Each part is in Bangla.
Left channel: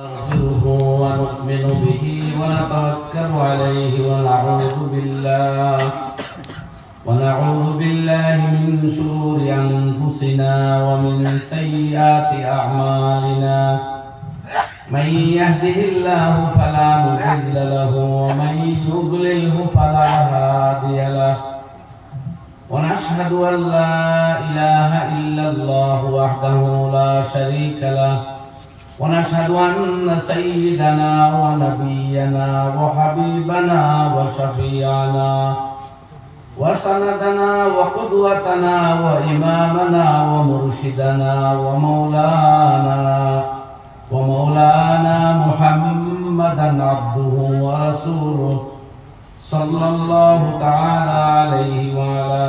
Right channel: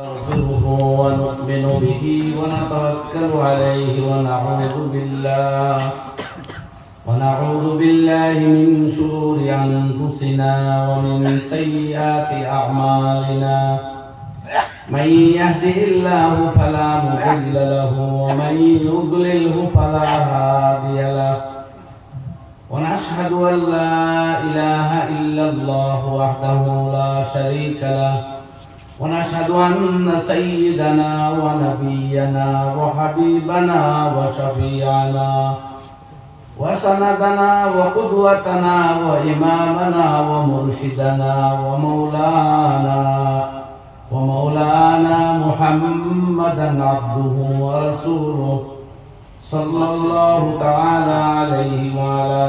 نستغفره ونؤمن به ونتوكل عليه ونعوذ بالله من شرور أنفسنا ومن سيئات أعمالنا من يهده الله فلا مضل له ومن يضلله فلا هادي له ونشهد أن لا إله إلا الله وحده لا شريك له ونشهد أن سيدنا ونبينا وحبيبنا وشفيعنا وسندنا وقدوتنا وإمامنا ومرشدنا ومولانا محمدا عبده ورسوله صلى الله تعالى عليه وعلى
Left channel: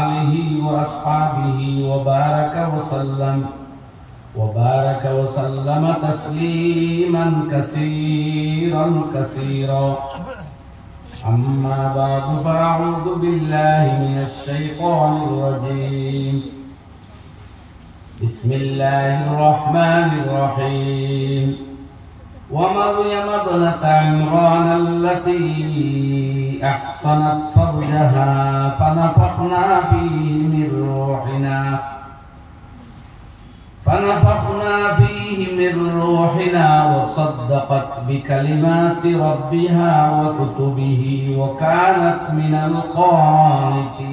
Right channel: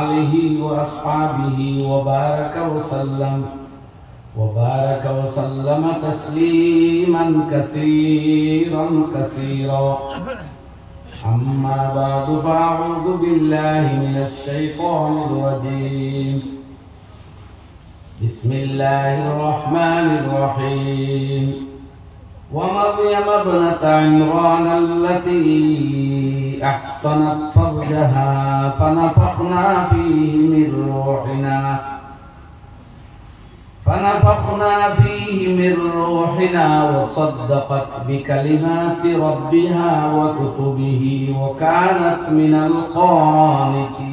آله وأصحابه وبارك وسلم تسليما كثيرا أما بعد فأعوذ بالله من الشيطان الرجيم بسم الله الرحمن الرحيم ومريم ابنة عمران التي أحصنت فرجها فنفخنا فيه من روحنا وصدقت بكلمات ربها وكتبه وكانت من القانتين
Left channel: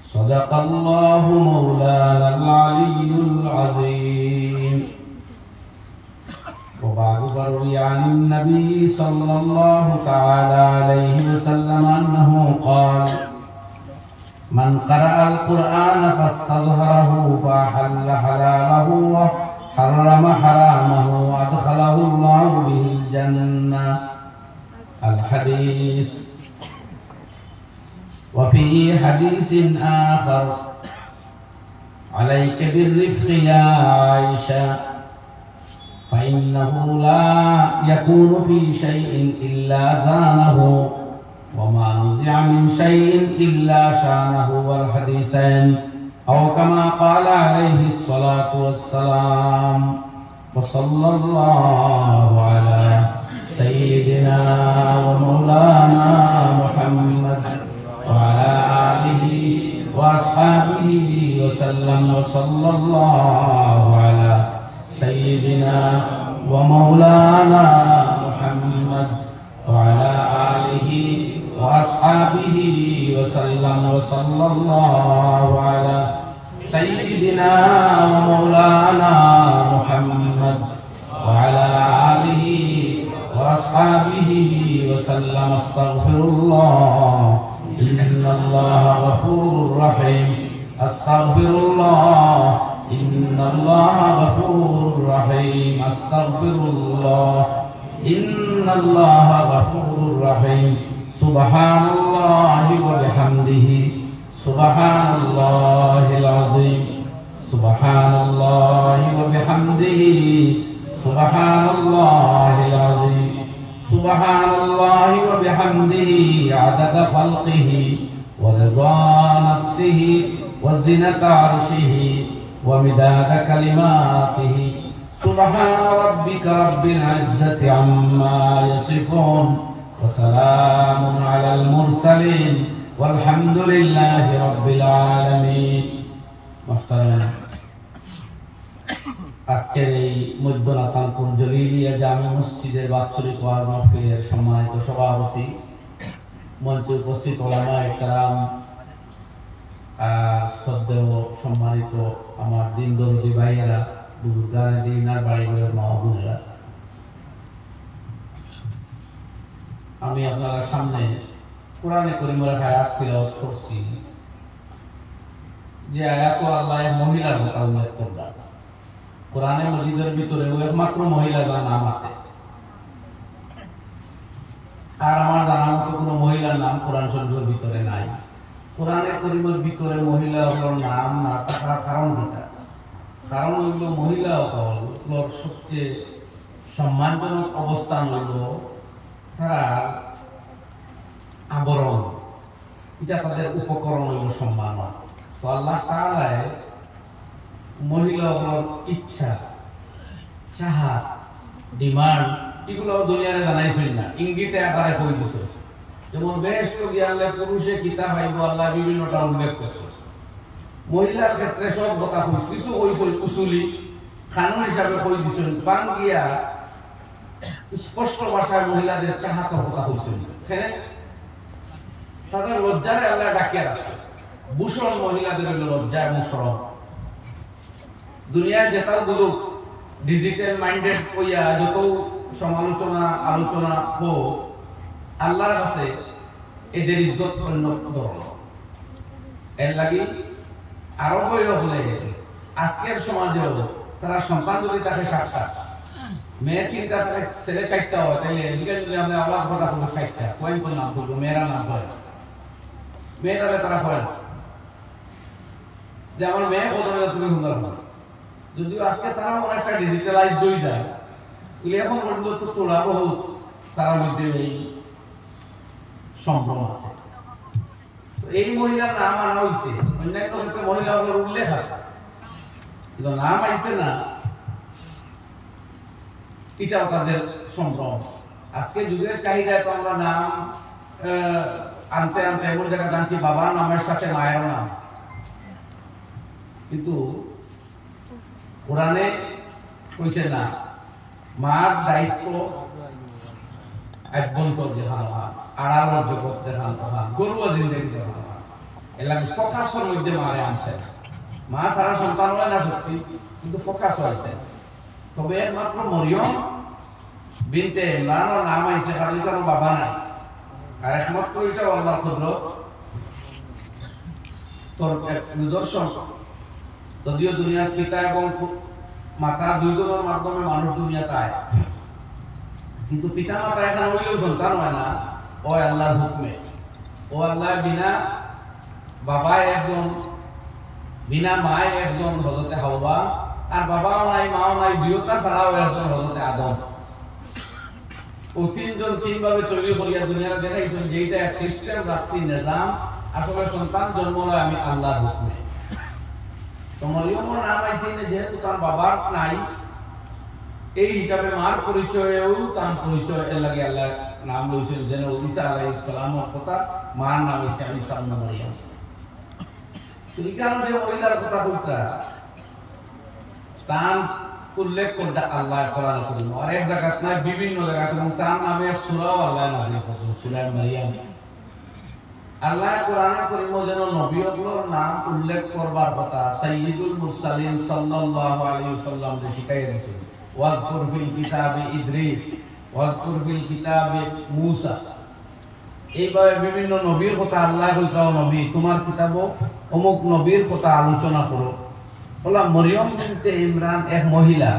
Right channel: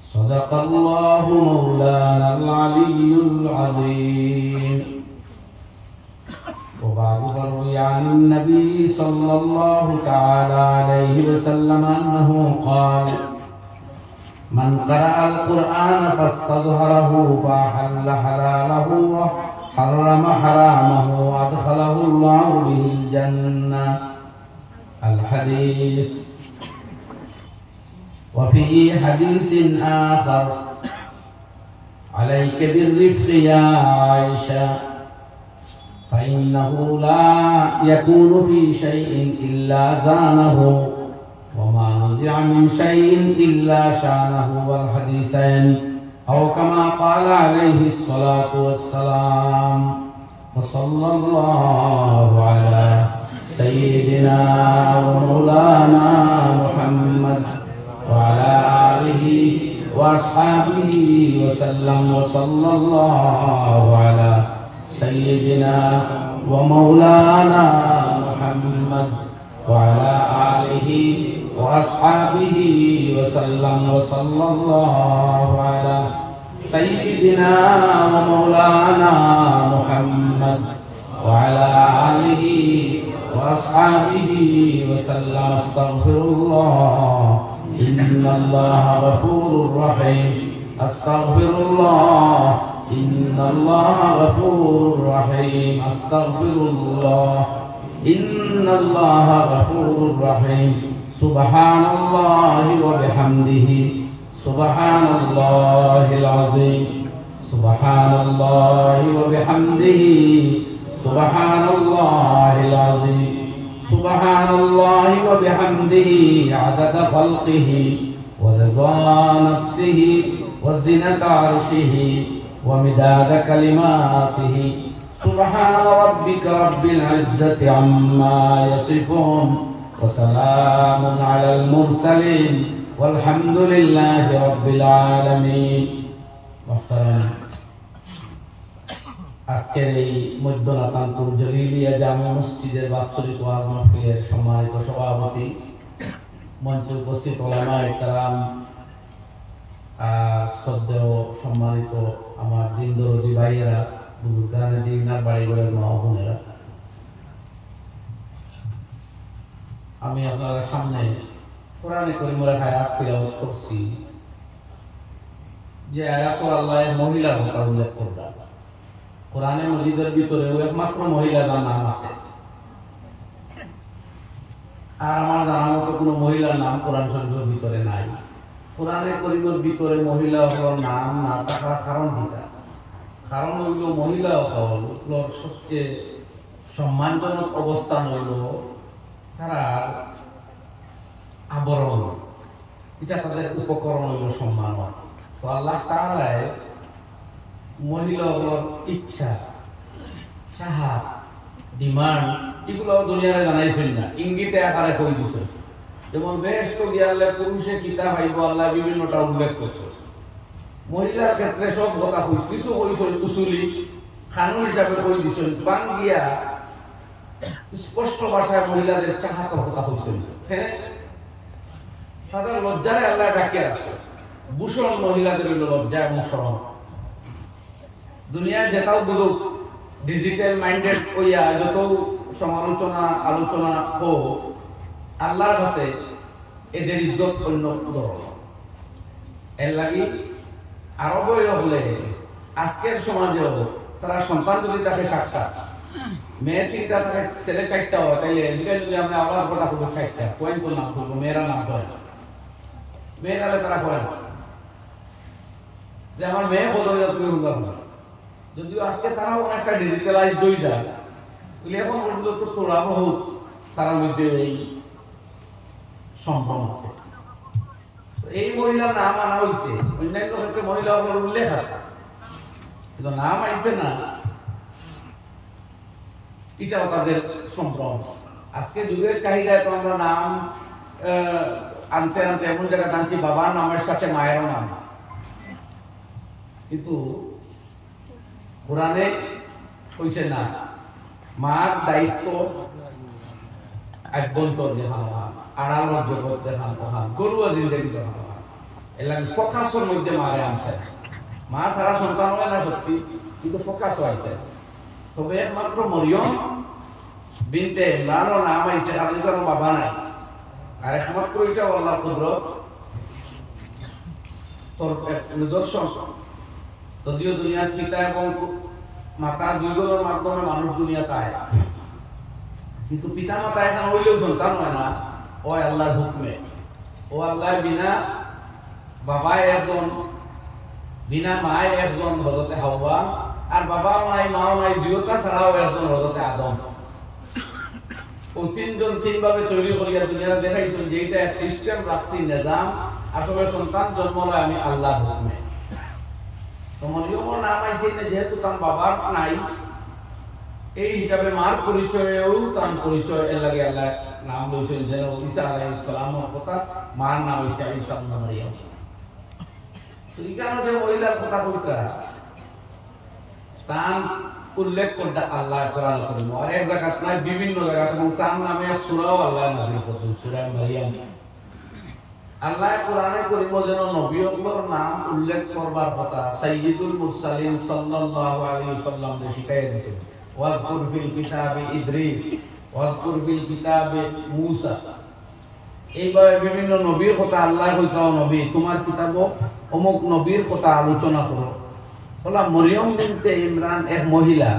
صدق الله مولانا العلي العظيم وبعد فروي عن النبي صلى الله تعالى عليه وسلم أنه قال من قرأ القرآن فاستظهره فأحل حلاله وحرم حرامه وأدخله الله به الجنة. الحديث. وفي حديث آخر عليك بالرفق يا عائشة فإنه لا يكون في شيء إلا زانه وما نزع من شيء إلا شانه. والحديثين أو كما قال عليه الصلاة والسلام. وصلى الله على سيدنا مولانا محمد وعلى آله وأصحابه وسلم. وصلى الله على سيدنا ومولانا محمد وعلى آله وأصحابه وسلم. وصلى الله على سيدنا ومولانا محمد وعلى آله وأصحابه وسلم. استغفر الله إن الله غفور رحيم. استغفر الله إن الله غفور رحيم. استغفر الله إن الله غفور رحيم. سبحان الله وبحمده سبحان الله العظيم. سبحان الله وبحمده سبحان الله العظيم. سبحان الله وبحمده عدد خلقه ورضا نفسه وزنة عرشه ومداد كلماته. سبحان ربك رب العزة عما يصفون وسلام على المرسلين والحمد لله رب العالمين. محترم আজকের এই মধ্যনাতানপুর জলিলিয়া জামে মসজিদের বাৎসরিক ওয়াজ মাহফিলের সম্মানিত সভাপতি, মঞ্চে উপস্থিত ওলামায়ে কেরাম, শ্রদ্ধেয় সম্মানিত আমার দিন দরদি ভাইয়েরা, বুজুর্গানে দিনার বাড়িঘরের মা ও বোনেরা, আমি আপনাদের সামনে কোরআনে কারীমের আয়াত তিলাওয়াত করছি। যে আয়াত আল্লাহ মহিলার কথা উল্লেখ করলেন কোরআনে মজিদের ভিতরে, একমাত্র মহিলা যার নাম আছে। আর আমার জানার মতো কোনো মহিলার নাম কোরআন শরীফের ভিতরে নাই। কোরআনে কারীমের ভিতরে মহিলার নাম না থাকার কারণ কি? কারণ হইল মহিলা হল সবচেয়ে সম্মানজনক অবস্থান হইল তারা আবরণ, এটা তাদের উপকরণ হইল সম্মান। তো আল্লাহ তাআলা মহিলাগুলোর ইচ্ছা চাহা ডিমান্ড এগুলো দুনিয়ারে জানাইছেন না, ইঙ্গিতে আকারে কই দিছে। যেমন বেশ তো গিয়ালে পুরুষে কিতাব আইব আল্লাহ বিভিন্নটা উল্লেখ করছে। মহিলার ক্ষেত্রে সব কথা কইছে, কিছু কইছে উসুলি কানুন হিসাবে কই দিছেন। বাং গিয়া স্পষ্ট ভাষায় মহিলাদের চাহাতের কথা কইছেন। হ্যাঁ, তাদের লজ্জারে আল্লাহ ডাকিয়ে রাখছে। ভূষণ মহিলাদের হইল লজ্জা এবং শরম। দুনিয়ায় যেটাও বুঝুক, ডিজিটাল মাইন্ডেড হইয়া যত সমালোচনা আলোচনা হোক, আল্লাহর কাছে এদের ইজ্জত অন্য ধরনের। এর লাগি আরবে হলে আজকের সমাজেও তারা সন্তান যদি তাকে 7টা, মেয়ে 3টা, ছেলে 4টা হয়, তাইলে এদিকে যদি আমরা আবার কথা খুব 4টা পয়েন্ট তো নাম করবো, মেয়েরা নাম করে, মেয়েরা তারা হয় না যে আমার মেয়ে কত তুমি হুঙ্গার হুঙ্গার। যদিও আজকে তারা অনেকটা ডিজিটালাইজড হয়ে যায়, এখন পর্যন্ত তো তোলা বহুত তার মধ্যে এই সম্ভ্রম আছে। এই মহিলার নাম আনা হয়েছে, অন্যান্য ক্ষেত্রে মহিলাগুলোর উল্লেখ আছে, কিন্তু নাম আইছে না, এটাও তাদের সম্ভ্রম। আজকে যুগের চাহিদা তো আমরা নাম আনতে আনতে এমন জায়গায় জানছি বাবার নামের সাথে মায়ের নাম। কিন্তু কোরআনে কইছে না, মার দায়িত্ব আভ্যন্তর যেখানে আড়ালোর জগৎ যেখান তখন গরুয়া জিন্দগি তখন এর লাগে ফোকাসের মধ্যে মারে আনছে। মা সারা সন্তান হয় না সত্যি, কিন্তু ফোকাস হয়েছে। তবে একমাত্র মরিয়ম বিনতে ইমরানের নাম আইছে, কারণ কারণ বাবা নাই। আর একমাত্র এটা আল্লাহ কুদরত তোর এক নিদর্শন। যদিও দুনিয়ার পিতা এবং মাতা দুইজনের মাধ্যমে মানুষ দুনিয়া পায়, কিন্তু পিতা মাতা এখন হইলেও সন্তান হয় না, ও আল্লাহর হুকমে। ও আল্লাহ বিনা বাবায় একজন, বিনা মায় একজন হযরতে হাওয়া, আর বাবাও নাই মাও নাই, দুইটা ছাড়াও একজন হযরতে আদম। ও তিনজন তিনভাবে তৈরি করিয়া দুনিয়াতে দেখাইছেন যে এটা এক সিস্টেম রাখছি, নিজাম। আসলে সন্তান জন্ম হয় আমি আল্লাহর হুকমে। তো মরিয়মের নাম আইছে না, যেহেতু তার বাবার নাই, এই হিসাবে মার পরিচয়েও তার পরিচয় এর লাগে আল্লাহ নাম দিয়েছেন। যেন ঈসা আলাইহিস সালামের কথা, মার নাম ঈসা, ঈসা নাম মারিয়াম। তো এই কারণে মহিলার কথা কইতা তার উল্লেখ করতে আল্লাহ কোরআন করিম আর এক জায়গাত নাই, বিভিন্ন জায়গাত, এবং তার নামে সূরাও আল্লাহ নাযিল করেছেন, সূরা মারিয়াম। আল্লাহ কোরআনে করিম যেন নবীগুলোর নাম উল্লেখ করবার কথা সাইয়্যিদুল মুরসালিন সাল্লাল্লাহু আলাইহি ওয়াসাল্লাম কে শিখাইয়া দিয়েছেন। ওয়াজকুর ফিল কিতাবে ইদ্রিস, ওয়াজকুর ফিল কিতাবে মূসা। এইভাবে বিভিন্ন নবীর কথা আল্লাহ কইতাও, নবী তোমার কিতাব অমুক নবীর কথা আলোচনা করো। বলা মরিয়ম বিনতে ইমরান এক মহিলা,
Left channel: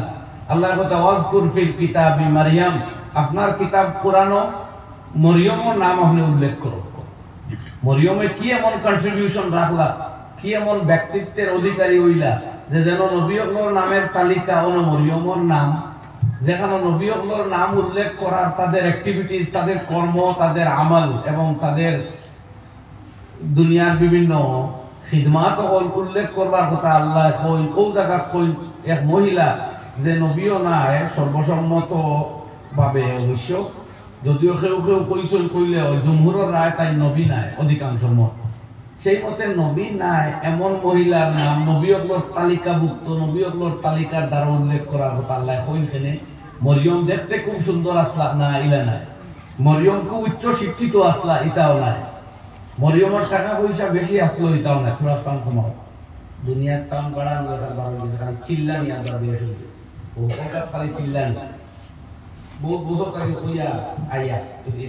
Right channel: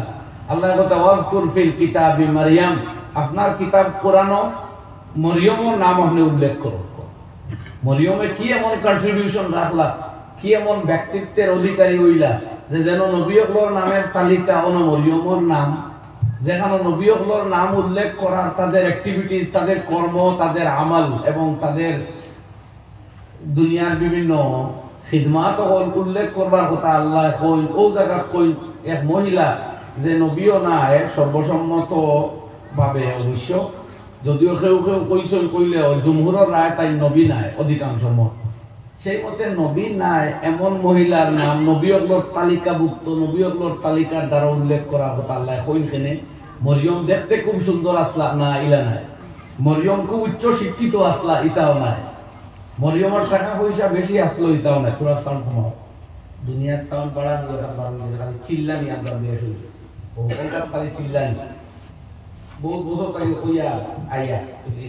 আল্লাহ কথা ওয়াজকুর ফিল কিতাবে মারিয়াম, আপনার কিতাব কোরআনও মরিয়মের নাম আপনি উল্লেখ করো। মরিয়মে কি এমন কন্ট্রিবিউশন রাখলা, কি এমন ব্যক্তিত্বের অধিকারী হইলা যে যেন নবীগুলোর নামের তালিকা হলো মরিয়মের নাম, যেখানে নবীগুলোর নাম উল্লেখ করার তাদের অ্যাক্টিভিটিস, তাদের কর্ম, তাদের আমল এবং তাদের দুনিয়ার বিভিন্ন খিদমাত উল্লেখ করবার কথা আল্লাহ কই। ও জায়গা কই এক মহিলা যে নবীও নাই সর্বসম্মত ভাবে, অবশ্য যদিও কেউ কেউ কইছেন কইলে জমহুরের নাই, তাই নবী নাই অধিকাংশ মত। সেই মতে নবী নাই এমন মহিলার নাম নবীগুলোর তালিকাভুক্ত, নবীগুলোর তালিকার দ্বারা উল্লেখ করার কথা আল্লাহ কইছেন। মরিয়ম দেখতে খুব সুন্দর আসলা না, ইলা নাই। মরিয়ম খুব উচ্চ শিক্ষিত আসলা, ইটাও নাই। মরিয়মের টাকা পয়সা বেশি আসলো, ইটাও নাই। পুরা সাউন্ড কমাও, দুনিয়ার সাউন্ড বাড়ানো খালি চিল্লানি আপনার বেশ হয়ে গেছে। ও খালি চিল্লানি বহু বছর তাকে কইয়া আইয়া,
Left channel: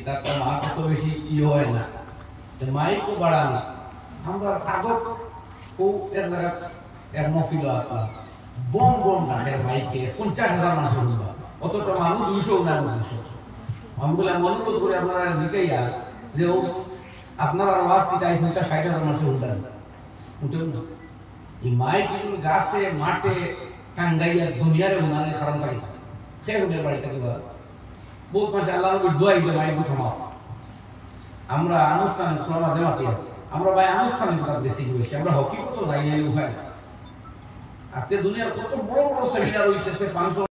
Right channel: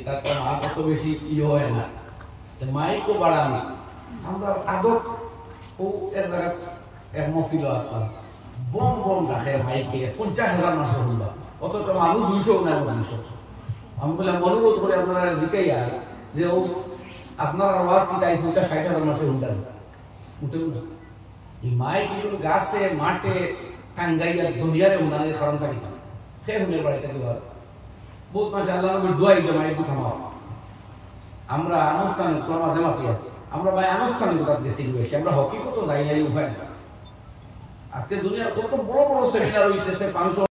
তার তো মা কত বেশি ইয়ে হয় না, মাইকও বাড়ানো। আমরা আদত ও এক জায়গায় এক মফিল আসলাম, বম বম রাখে মাইকে 50,000 মানুষ শুনবা, অথচ মানুষ 200 না 200। আমি বললাম অনুরোধ করে আপনারা জিজ্ঞাইয়া যে ও আপনার আওয়াজ কি তাই 50-60,000 মানুষ শুনলেন উঠে উঠে। এই মাইক কিন্তু গাছে মাঠে টাঙ্গাইয়া দুনিয়ারে উনারের কারণ থাকি সে হুদের বাড়িতে কি বলে বহুত পয়সা আল্লাহ নবীর দোয়াই দিয়ে মাইক থামাও। আমরা আনুষ্ঠানিক মাঝে মাতিয়া, আমরা ভাই আনুষ্ঠানিকতা বেশি বেশি, আমরা হকিকত যাই নাই উপায় না। আজকে দুনিয়ার কত বড় বড় সেমিনার হইতেছে, 500